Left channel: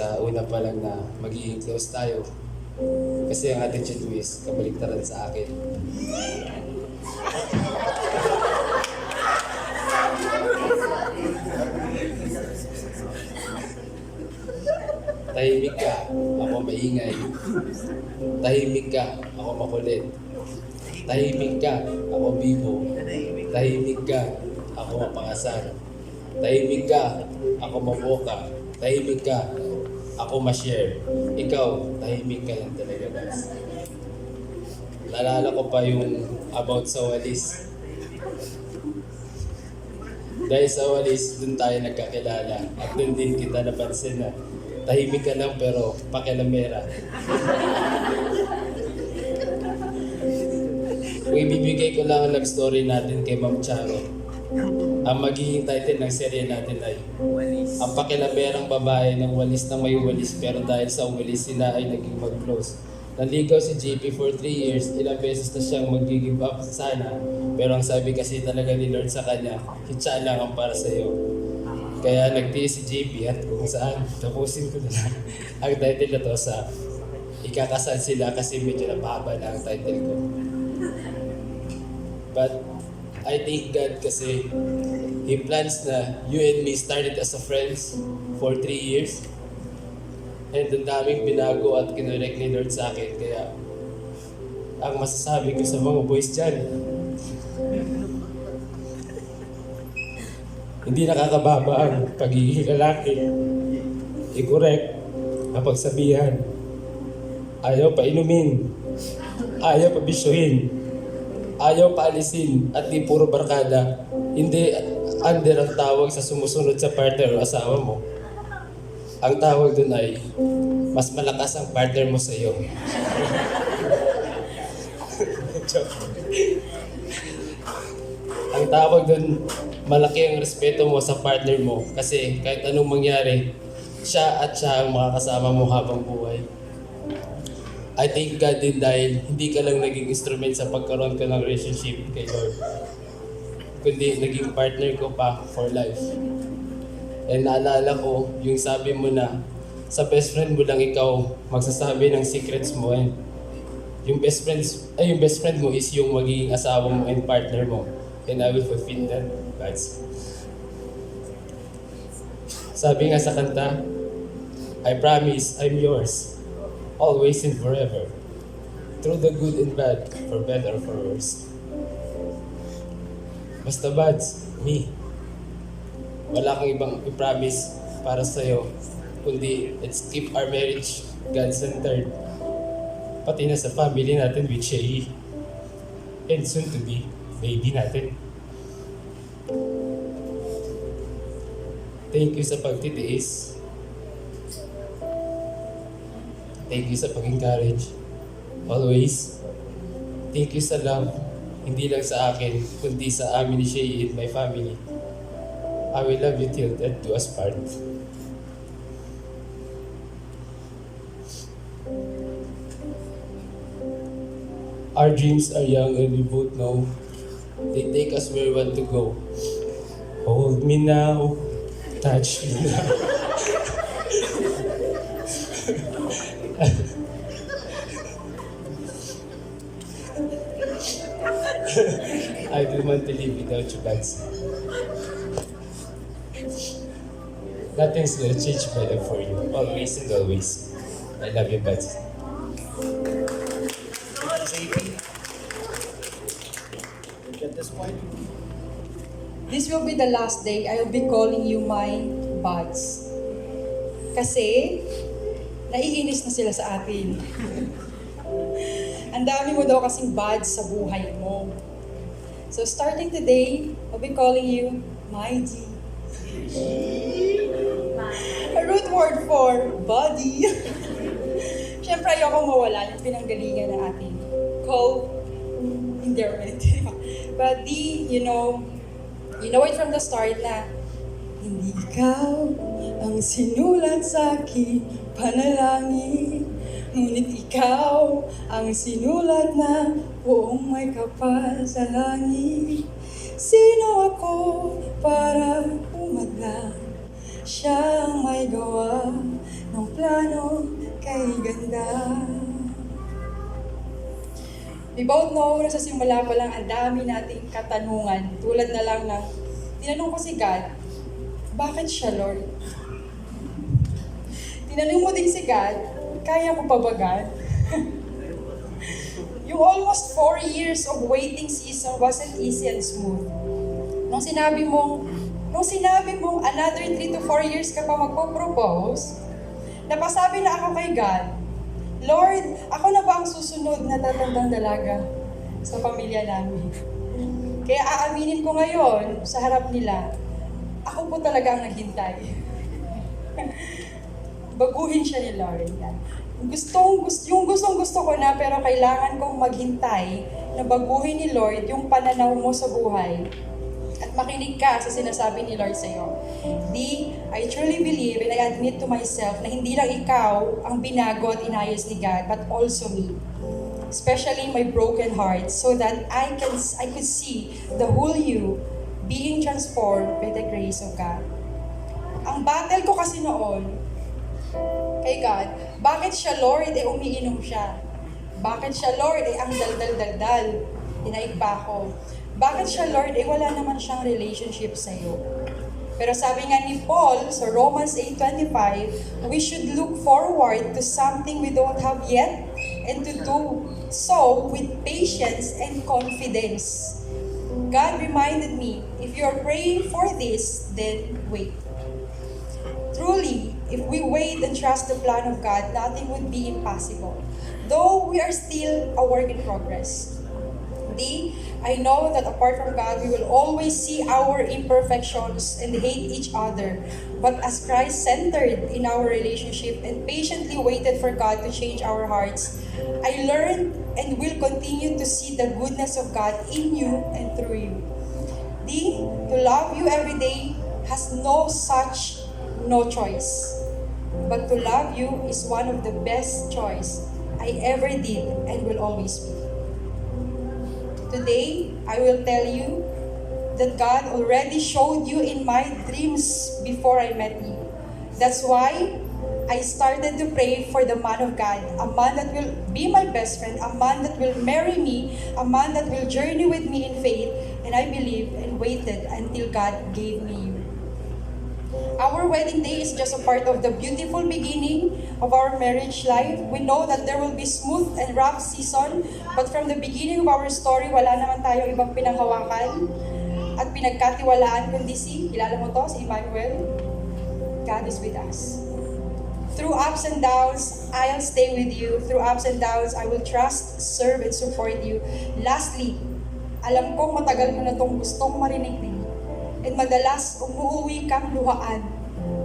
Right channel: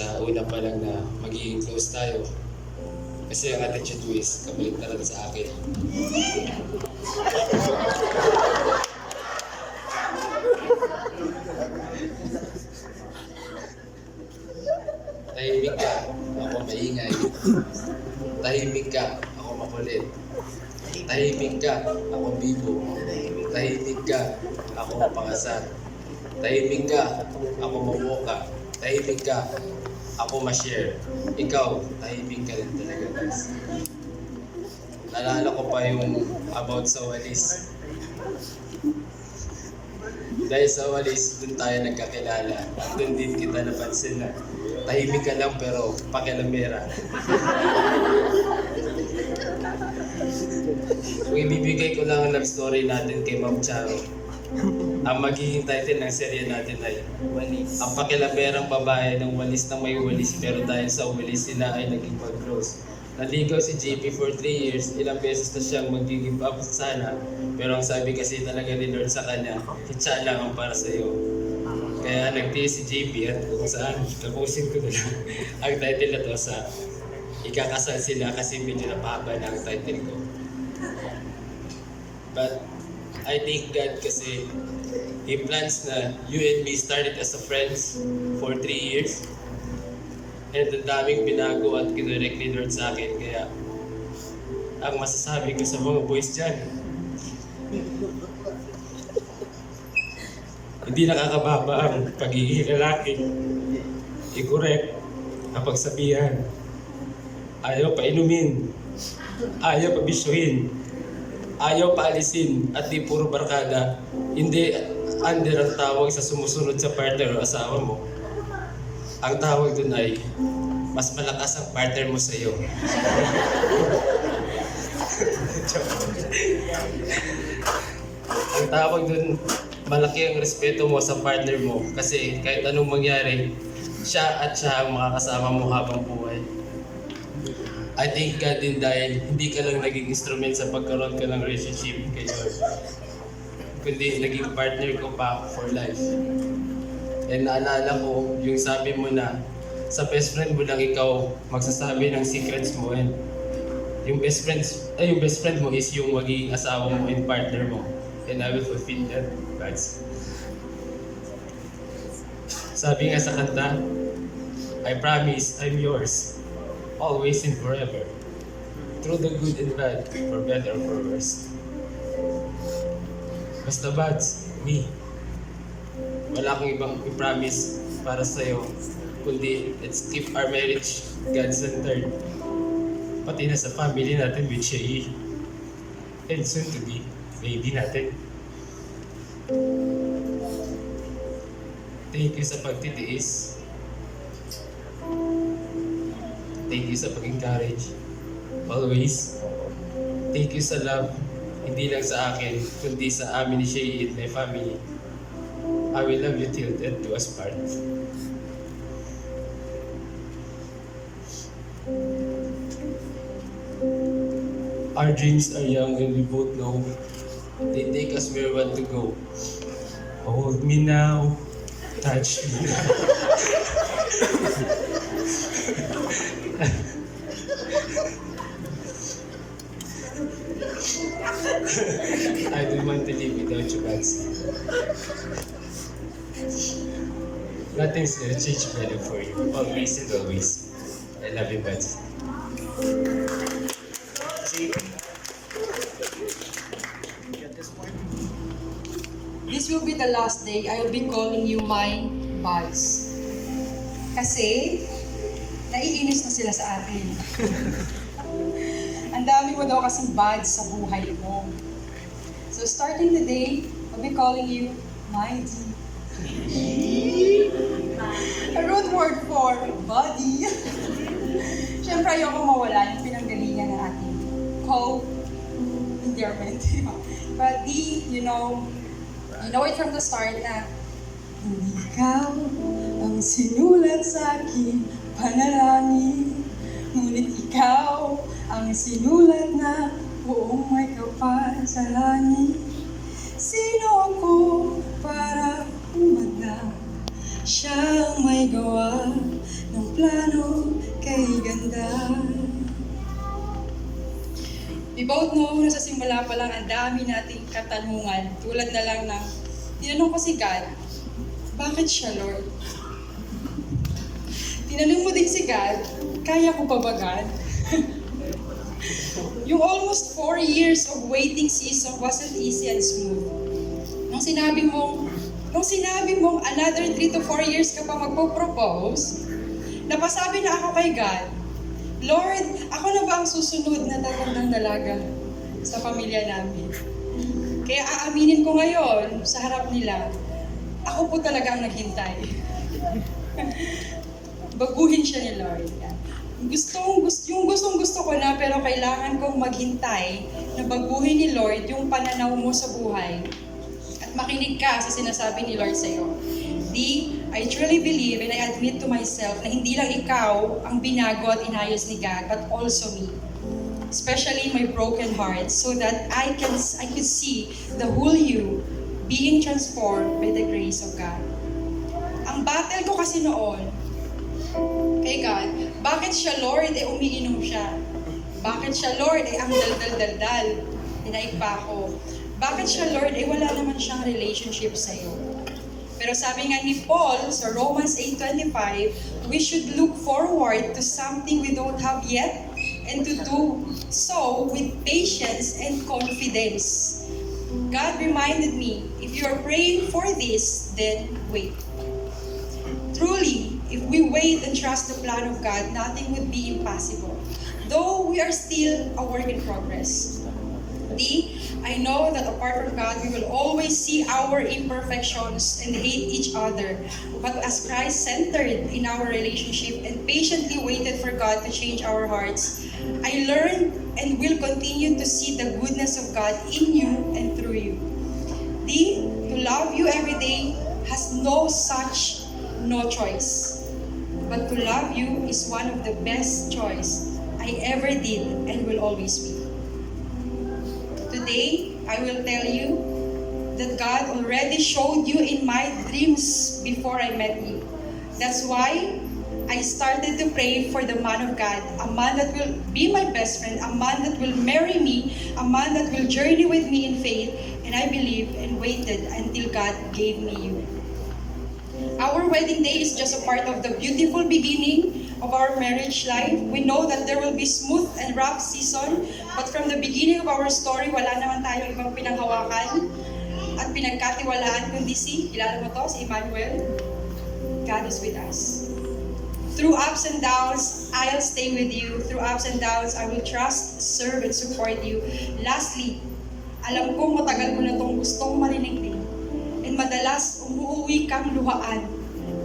sa una pa lang na magiging close tayo. Kasi ang attitude mo is kabaliktaran sa akin. Tahimik ka, ako maingay. Tahimik ka, ako makulit. Tahimik ka, ako bibo. Tahimik ka, ako mapangasar. Tahimik ka, ako maboka. Tahimik ka, ako ma-share. Ikaw, tahimik ka lang talaga, guys. Naalala ko pa yung about sa walis. Dahil sa walis, dun tayo nagkakilala. At dun din kita napansin na tahimik ka lang pero pakilamera. Kung ibibigay ko lang ang love story natin kay Ma'am Charo, ang magiging title ng serye natin ay Walis. Ang pakilamerang babae ng walis na may walis pero dahil sa walis sila ay naging mag-close. Naligaw si JP for 3 years, ilang beses na siyang mag-give up sana. Pero ang sabi kasi talaga ni Lord sa kanya, hitsa lang ang para sa'yo. Kaya nagtiis si JP at kung saan, tapusin ko na lang ang title na to sa ikakasal sila kasi medyo napahaba na ang title ko. But I thank God kasi He plans na you and me started as a friends for 3 years. And ang daming binago at kinurek ni Lord sa akin. Kaya ang masasabi ko sa mga boys dyan, hindi nakakababa ang pagiging lalaki. I-correct ang pagsabihan. Ayaw pa inumin. Ayaw pa bisyuhin. Ayaw pa alisin at di puro barkada. Hindi under ang tawag sa sumusunod sa partner o asawa mo. Ang tawag dun ay mas malakas ang partner mo sa iyo. Ang tawag dun, malaki ang respeto mo sa partner mo kasi kahit anong mangyari, siya ang makakasama mo habang buhay. I thank God din dahil hindi ka lang naging instrument sa pagkaroon ko ng relationship kay Lord, kundi naging partner ko pa for life. And naalala ko yung sabi mo na sa best friend mo lang ikaw magsasabi ng secrets mo, and yung best friend mo is yung magiging asawa mo and partner mo. And I will fulfill that, guys. Sabi nga sa kanta, I promise I'm yours, always and forever, through the good and bad, for better or for worse. Basta buds, me. Wala kang ibang i-promise para sa'yo, kundi let's keep our marriage God-centered. Pati na sa family natin with Shei. And soon to be, baby natin. Thank you sa pagtitiis. Thank you sa pag-encourage. Always. Thank you sa love. Hindi lang sa akin, kundi sa amin ni Shei and my family. I will love you till death do us part. Our dreams are young and we both know they take us where we want to go. Hold me now, touch me now. I don't want to live without you, Bansi. Nothing's gonna change better for you. Always and always. I love you, Bansi. JP, you get this point? This will be the last day I will be calling you my buds. Kasi, naiinis na sila sa atin. Ang dami mo daw kasing buds sa buhay mo. So starting today, I'll be calling you my G. A root word for body. Siyempre ayoko mawala yung pinanggalingan ng ating co-endearment. But you know it from the start na hindi ikaw ang sinulat sa aking panalangin, ngunit ikaw ang sinulat na buong may kapal sa langit. Sino ako para umadlang? Siyang may gawa nung plano kay ganda. We both know na sa simula pa lang ang dami nating katanungan. Tulad na lang ng, tinanong ko si God, bakit siya, Lord? Tinanong mo din si God, kaya ko pa ba, God? Yung almost 4 years of waiting season wasn't easy and smooth. Nung sinabi mong another 3 to 4 years ka pa magpo-propose, napasabi na ako kay God, Lord, ako na ba ang susunod na tatandang dalaga sa pamilya namin? Kaya aaminin ko ngayon sa harap nila, ako po talaga ang naghintay. Baguhin siya ni Lord. Yung gustong gusto ko na pero kailangan kong maghintay na baguhin ni Lord yung pananaw mo sa buhay. At makinig ka sa sinasabi ni Lord sa'yo. I truly believe and I admit to myself na hindi lang ikaw ang binago at inayos ni God, but also me. Especially my broken heart, so that I could see the whole you being transformed by the grace of God. Ang battle ko kasi noon, kay God, bakit siya Lord umiinom siya? Bakit siya Lord ang daldal-daldal? Tinaig pa ako. Bakit siya Lord wala naman siyang relationship sa'yo? Pero sabi nga ni Paul sa Romans 8:25, we should look forward to something we don't have yet and to do so with patience and confidence. God reminded me, if you are praying for this, then wait. Truly, if we wait and trust the plan of God, nothing would be impossible. Though we are still a work in progress. I know that apart from God, we will always see our imperfections and hate each other. But as Christ-centered in our relationship and patiently waited for God to change our hearts, I learned and will continue to see the goodness of God in you and through you. To love you every day has no choice. But to love you is one of the best choice I ever did and will always be. Today, I will tell you that God already showed you in my dreams before I met you. That's why I started to pray for the man of God, a man that will be my best friend, a man that will marry me, a man that will journey with me in faith, and I believed and waited until God gave me you. Our wedding day is just a part of the beautiful beginning of our marriage life. We know that there will be smooth and rough season, but from the beginning of our story, wala naman tayong ibang pinanghawakan at pinagkatiwalaan kundi kilala mo to, si Emmanuel? God is with us. Through ups and downs, I'll stay with you. Through ups and downs, I will trust, serve, and support you. Lastly, alam kong matagal mo na itong gustong marinig din. And madalas, umuuwi kang luhaan.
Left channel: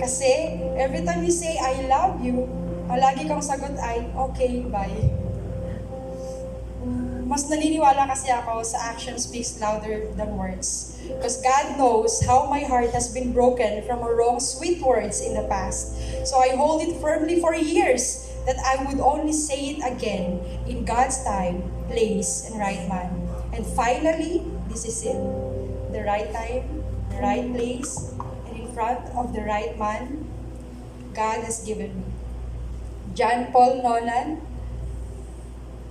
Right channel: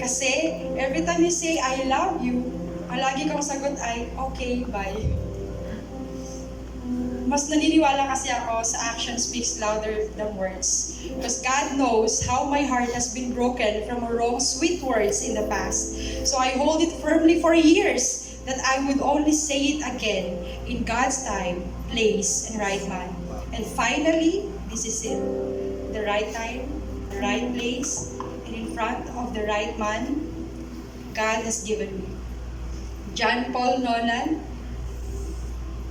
Kasi, every time you say, I love you, ang lagi kang sagot ay, okay, bye. Mas naniniwala kasi ako sa action speaks louder than words. Because God knows how my heart has been broken from wrong sweet words in the past. So I hold it firmly for years that I would only say it again in God's time, place, and right man. And finally, this is it. The right time, the right place, and in front of the right man, God has given me. John Paul Nolan,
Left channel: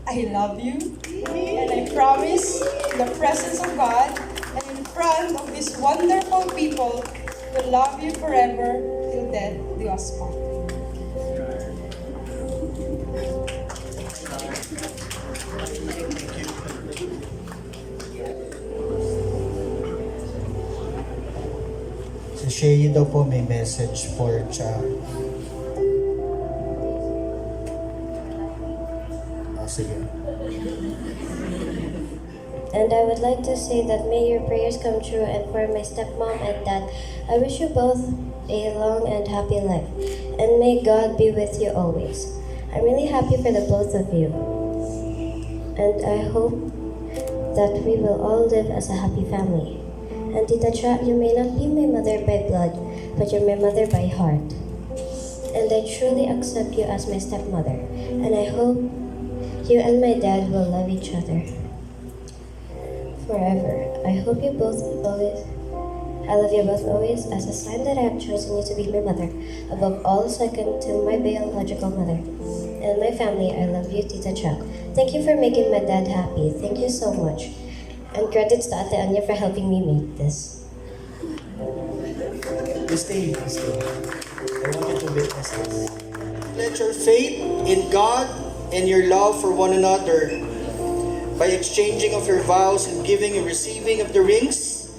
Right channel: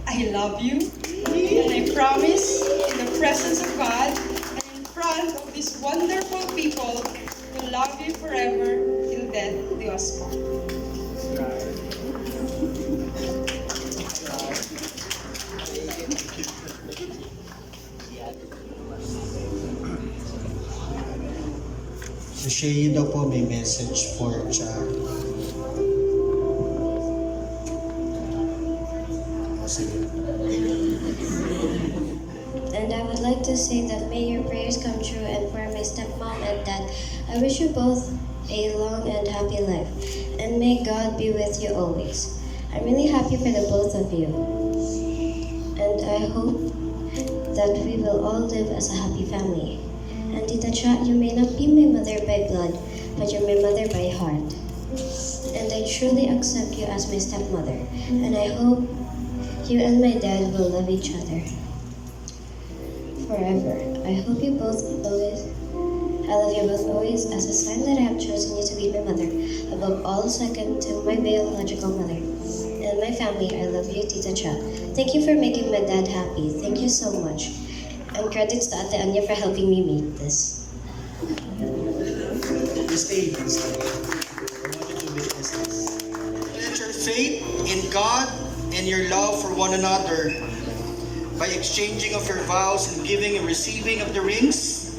I love you, and I promise in the presence of God and in front of these wonderful people to love you forever till death do us part. Si Shay daw po may message for Cha. Sige. And I would like to say that may your prayers come true, and for my stepmom and dad, I wish you both a long and happy life, and may God be with you always. I'm really happy for the both of you, and I hope that we will all live as a happy family. And Tita Cha, you may not be my mother by blood, but you're my mother by heart. And I truly accept you as my stepmother, and I hope you and my dad will love each other forever. I hope you both always I love you both always as a sign that I have chosen you to be my mother, above all second to my biological mother. And my family, I love you, Tita Cha. Thank you for making my dad happy. Thank you so much. And credits to Ate Anya for helping me make this. Stay. I want you to witness this. Let your faith in God and your love for one another by exchanging of your vows and giving and receiving of the rings.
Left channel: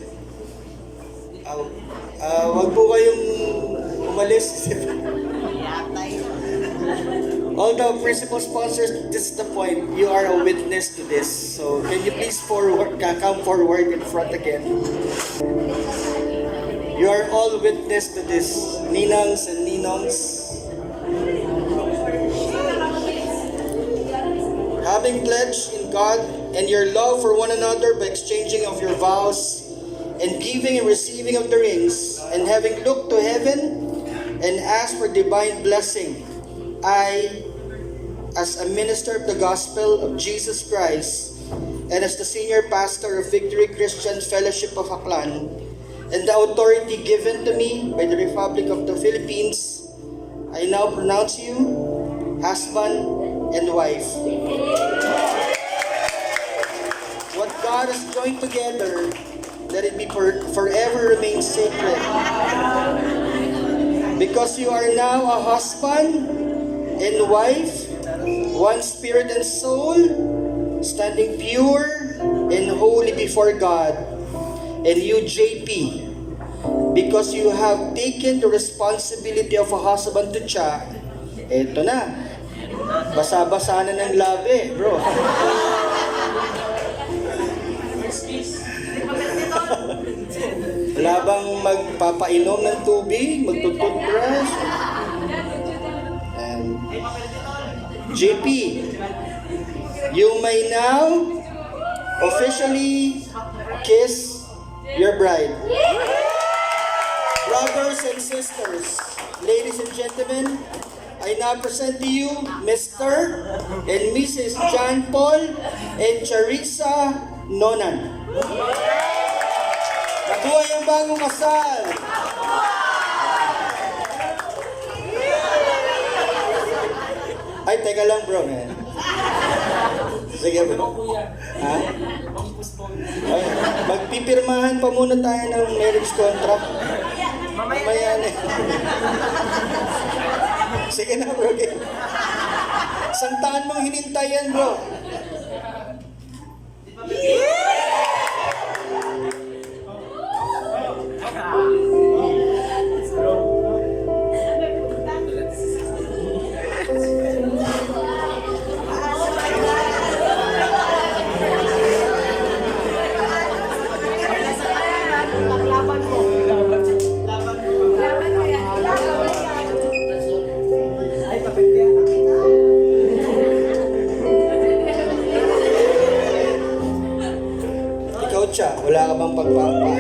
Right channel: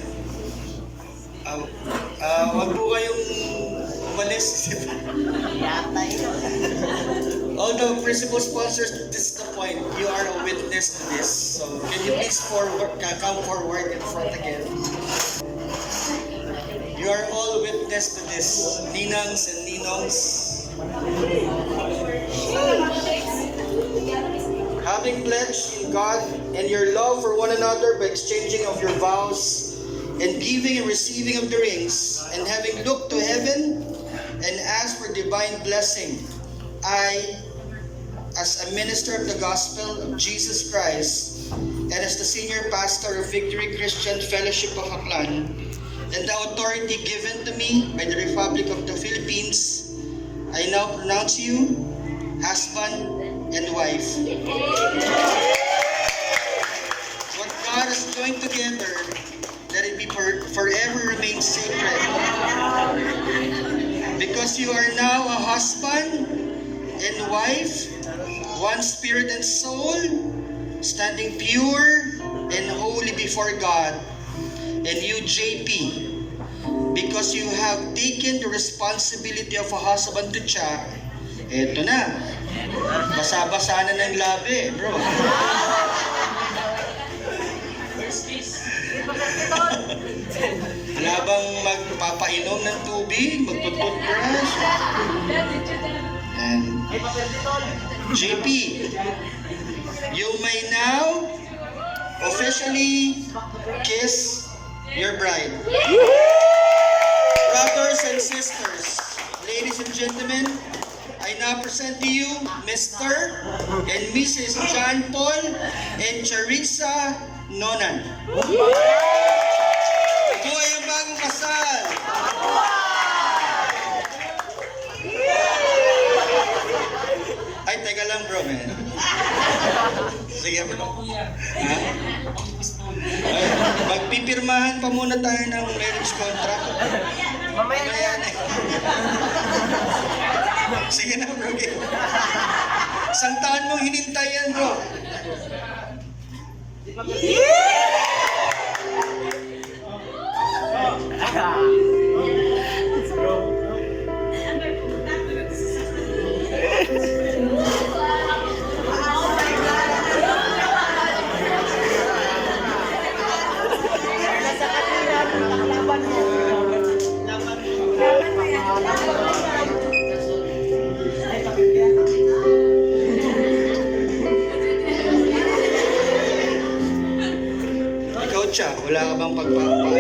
Wag po kayong umalis. All the principal sponsors, this is the point. You are a witness to this. So can you please come forward in front again? You are all witness to this. Ninangs and ninongs. Having pledged in God and your love for one another by exchanging of your vows and giving and receiving of the rings, and having looked to heaven and asked for divine blessing, I, as a minister of the gospel of Jesus Christ and as the senior pastor of Victory Christian Fellowship of Aklan, and the authority given to me by the Republic of the Philippines, I now pronounce you husband and wife. What God has joined together, let it be forever remain sacred. Because you are now a husband and wife, one spirit and soul, standing pure and holy before God. And you, JP, because you have taken the responsibility of a husband to Cha, eto na, basa-basa na ng labi, bro. Wala bang magpapainom ng tubig, magtututbrush? And JP, you may now officially kiss your bride. Brothers and sisters, ladies and gentlemen, I now present to you Mr. and Mrs. John Paul and Charissa Nonan. Buhay ang bagong kasal! Ay, teka lang bro, man. Sige bro. Ha? Ay, magpipirmahan pa muna tayo ng marriage contract. Mamaya na. Sige na bro. Isang taon mong hinintay yan bro. Ikaw, Cha, wala ka bang pagpapaalam?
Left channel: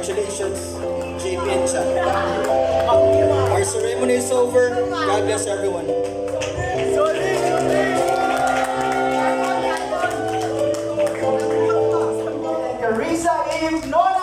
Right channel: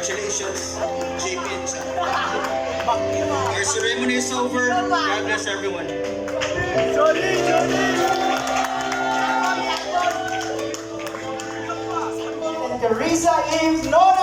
Congratulations, JP and Cha. Our ceremony is over. God bless everyone. Charissa Eve Nonan.